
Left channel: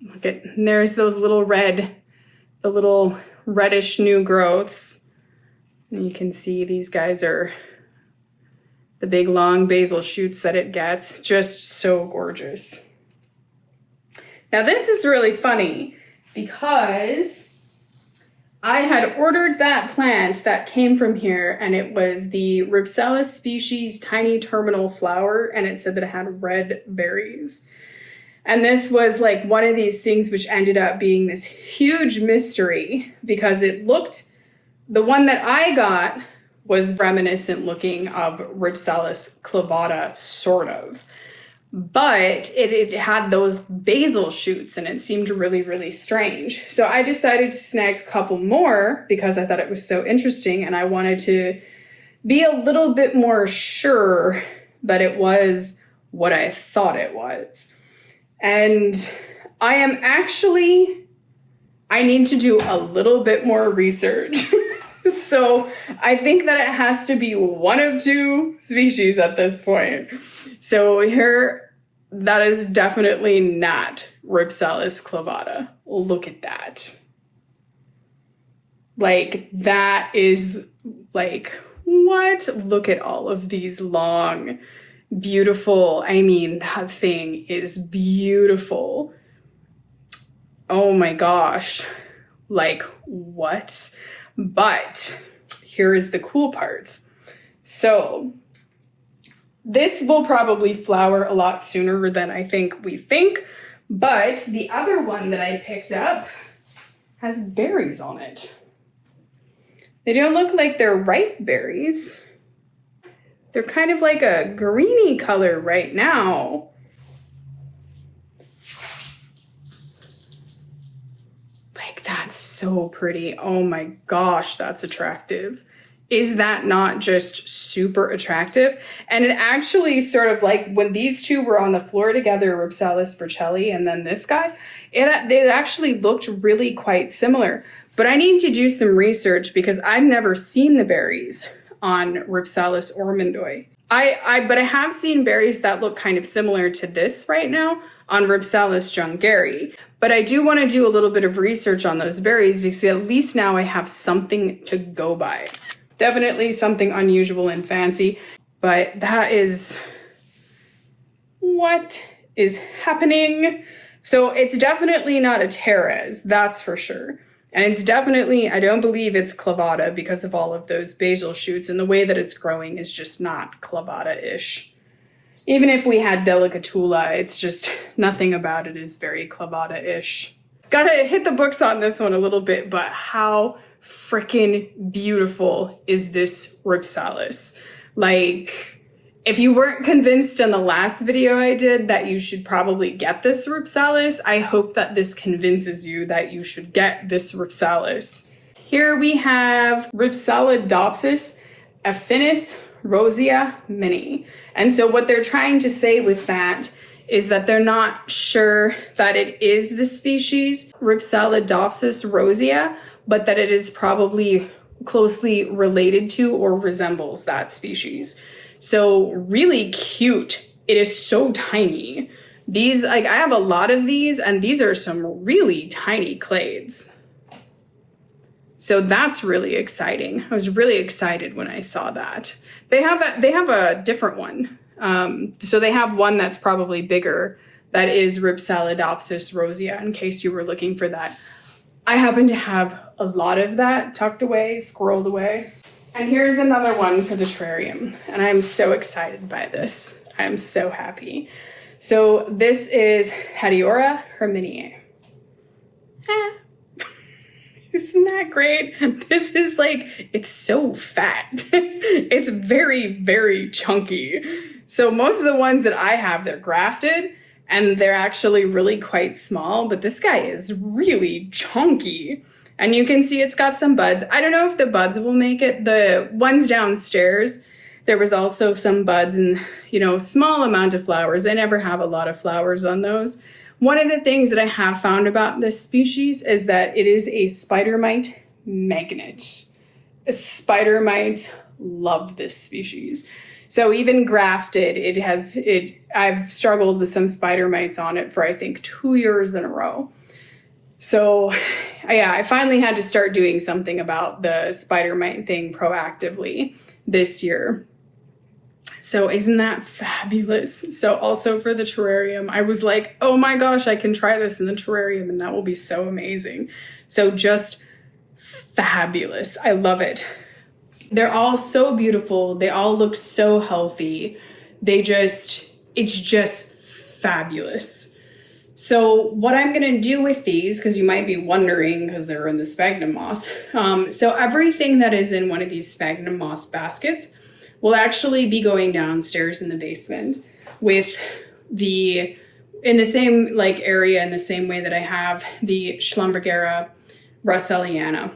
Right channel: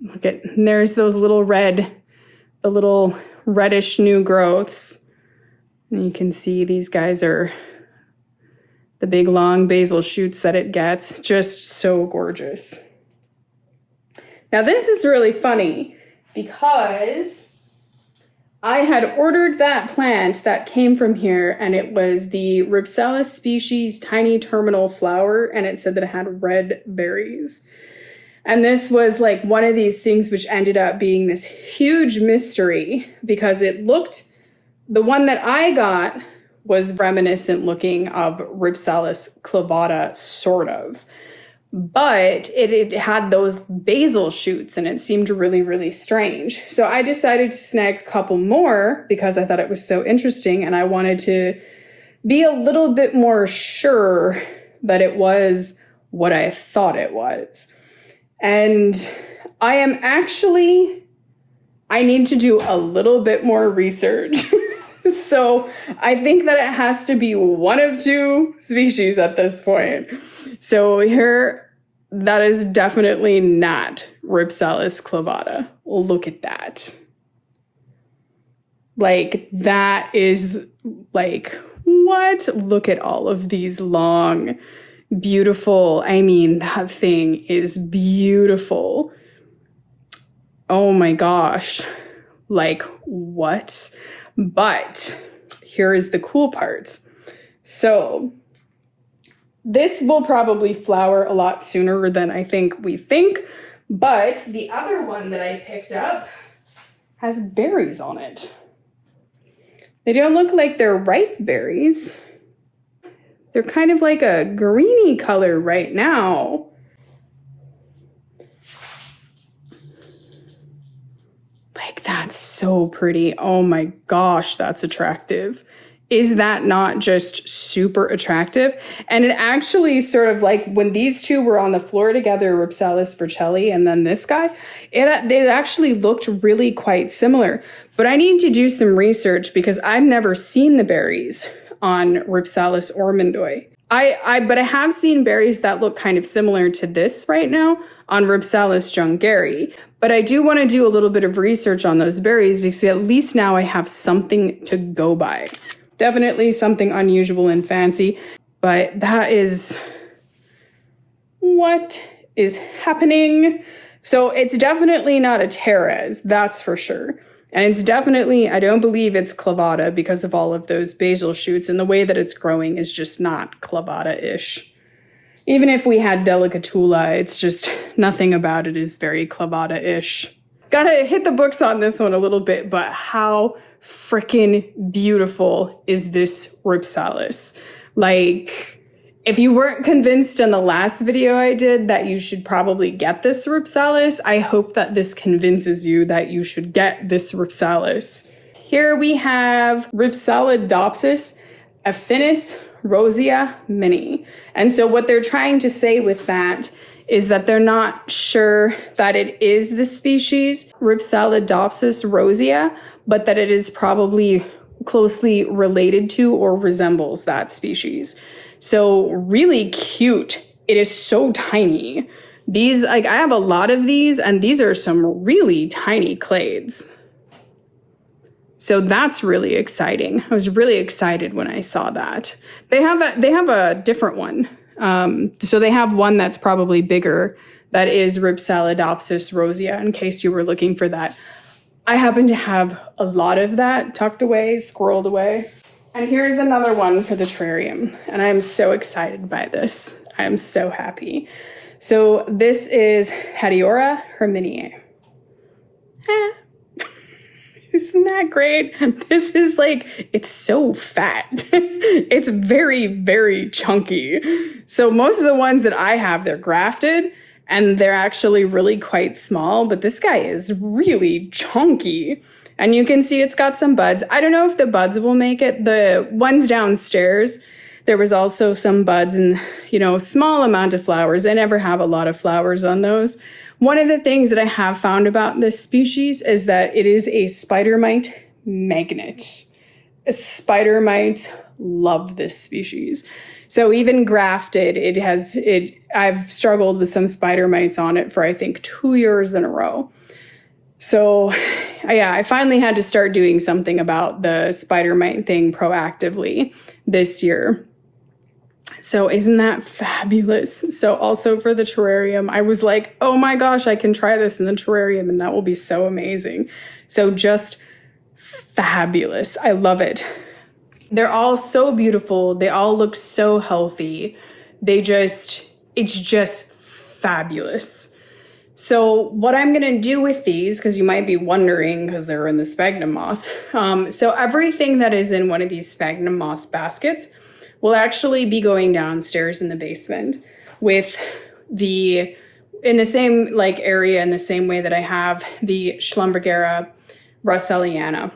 Look at, and there's those little the little reddish new growths. And you can see these guys are the big long basal shoots that it gets. Just so gorgeous. Now this is really funny because I had ordered that plant that came from here, and it was the Rhipsalis species tiny terminal flower, and it said that it had red berries. And this was like one of these things which ended up being this huge mystery because it looked, the one that I got was reminiscent looking of Rhipsalis clavata, sort of. But it had those basal shoots and it seemed really, really strange. So I decided to snag a couple more because I thought it was so interesting and I wanted to be a little bit more sure that it was what I thought it was. And I need to do a little bit more research. So I think that it has to be one of two species at this point. So here, that is definitely not Rhipsalis clavata. Look at that. Like, that is like, what? Look at all of these long, beautiful, I mean, that thing is beautiful. Oh my gosh. Like, what? But here is the cool part. So this will probably flower a lot sooner than I think we think, but the other one that I picked up has berries on it. They don't look like they're ripe berries. They're kind of like a greeny color right now. Like, that's so pretty. Oh my gosh, that's attractive. Is that not just super attractive? And it actually sort of like when these two were on the floor together, Rhipsalis Burchellii and then this guy, they actually looked really quite similar. But I need to do some research because I've never seen the berries on Rhipsalis ormondoi. But I have seen berries that look kind of similar to this right now on Rhipsalis jungeri. But I do want to do a little bit of research on those berries because at least now I have something to go by. Definitely something unusual and fancy, but that is what is happening. So it's definitely not a Teres, that's for sure. And it's definitely, I don't believe it's clavata because of all of those basal shoots, and the way that it's growing is just not clavata-ish. Even if we had delicatula, it's just nothing about it is very clavata-ish. Gotta hit the books on this one a little bit, but how freaking beautiful is this Rhipsalis? Like, if you weren't convinced in the last video I did that you should probably get this Rhipsalis, I hope that this convinces you that you should get this Rhipsalis. Here we have Rhipsalidopsis affinis Rosea mini. And so what they're trying to say with that is that they're not sure that it is the species Rhipsalidopsis rosea, but that it is probably closely related to or resembles that species. So really cute. It is so tiny. These, like, I have a lot of these, and these are some really tiny clades. So that's really exciting. I was really excited when I saw that. They have a different one. So they have one that's probably bigger. That is Rhipsalidopsis rosea, in case you were looking for that. I happen to have a lot of that tucked away, squirreled away. And here's another one for the terrarium. And I'm so excited by this. I'm so happy. So this is Hatiora herminiae. Isn't that great? This is like, it's so fat. It's very, very chunky. So most of the ones that I have, they're grafted and they're actually really quite small, but this guy is really chunky. And you can see it's got some buds. I don't know if the buds will make it. The ones downstairs, there was also some buds and, small amount of flowers. I never have a lot of flowers on those. One of the things that I have found about this species is that it is a spider mite magnet. Spider mites love this species. So even grafted, I've struggled with some spider mites on it for I think 2 years in a row. So yeah, I finally had to start doing something about the spider mite thing proactively this year. So isn't that fabulous? So also for the terrarium, I was like, oh my gosh, I can try this in the terrarium and that will be so amazing. So just fabulous. I love it. They're all so beautiful. They all look so healthy. It's just fabulous. So what I'm going to do with these, because you might be wondering, because they're in the sphagnum moss. So everything that is in one of these sphagnum moss baskets will actually be going downstairs in the basement in the same area, in the same way that I have the Schlumbergera russelliana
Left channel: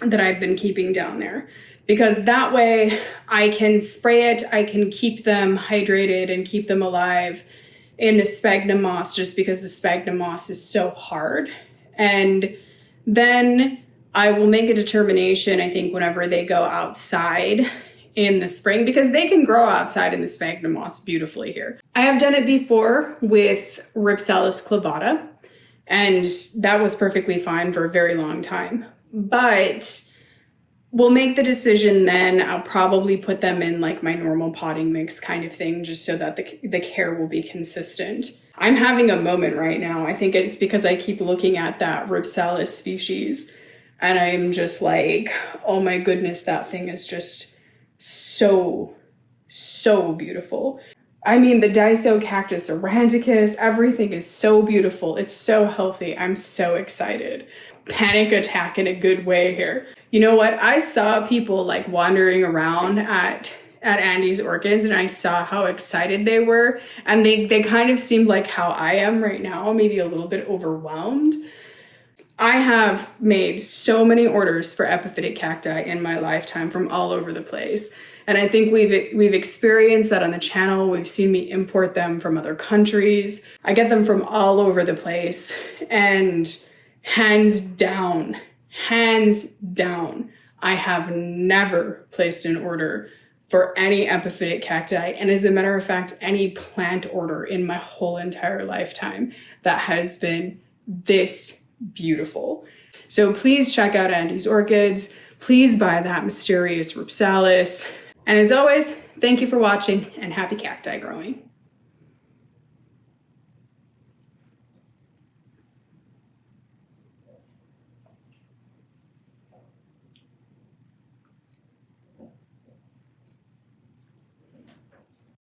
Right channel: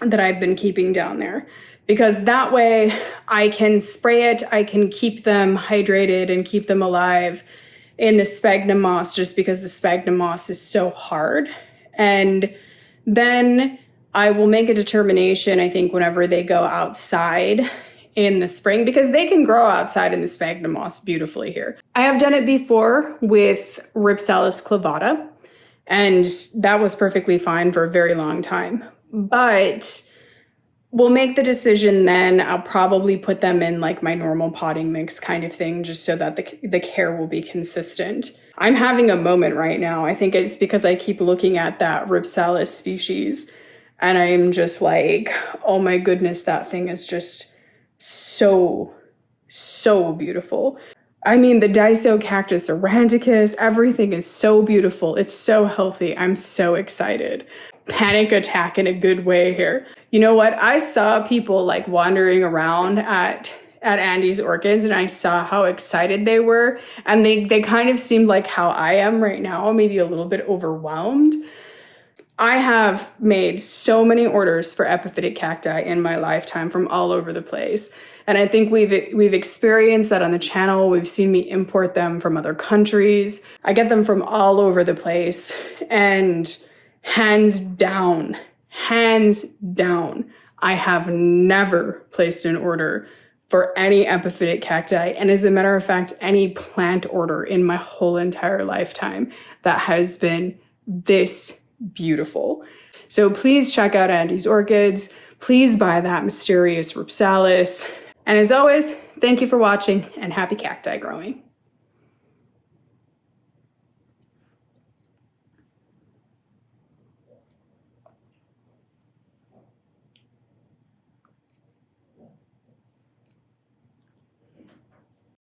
that I've been keeping down there. Because that way I can spray it, I can keep them hydrated and keep them alive in the sphagnum moss, just because the sphagnum moss is so hard. And then I will make a determination, I think, whenever they go outside in the spring, because they can grow outside in the sphagnum moss beautifully here. I have done it before with Rhipsalis clavata, and that was perfectly fine for a very long time. But we'll make the decision then. I'll probably put them in like my normal potting mix kind of thing, just so that the care will be consistent. I'm having a moment right now. I think it's because I keep looking at that Rhipsalis species and I'm just like, oh my goodness, that thing is just so beautiful. I mean, the Disocactus aurantiacus, everything is so beautiful. It's so healthy. I'm so excited. Panic attack in a good way here. You know what? I saw people like wandering around at Andy's Orchids, and I saw how excited they were. And they kind of seemed like how I am right now, maybe a little bit overwhelmed. I have made so many orders for epiphytic cacti in my lifetime from all over the place. And I think we've experienced that on the channel. We've seen me import them from other countries. I get them from all over the place. And hands down, I have never placed an order for any epiphytic cacti. And as a matter of fact, any plant order in my whole entire lifetime that has been this beautiful. So please check out Andy's Orchids. Please buy that mysterious Rhipsalis. And as always, thank you for watching and happy cacti growing.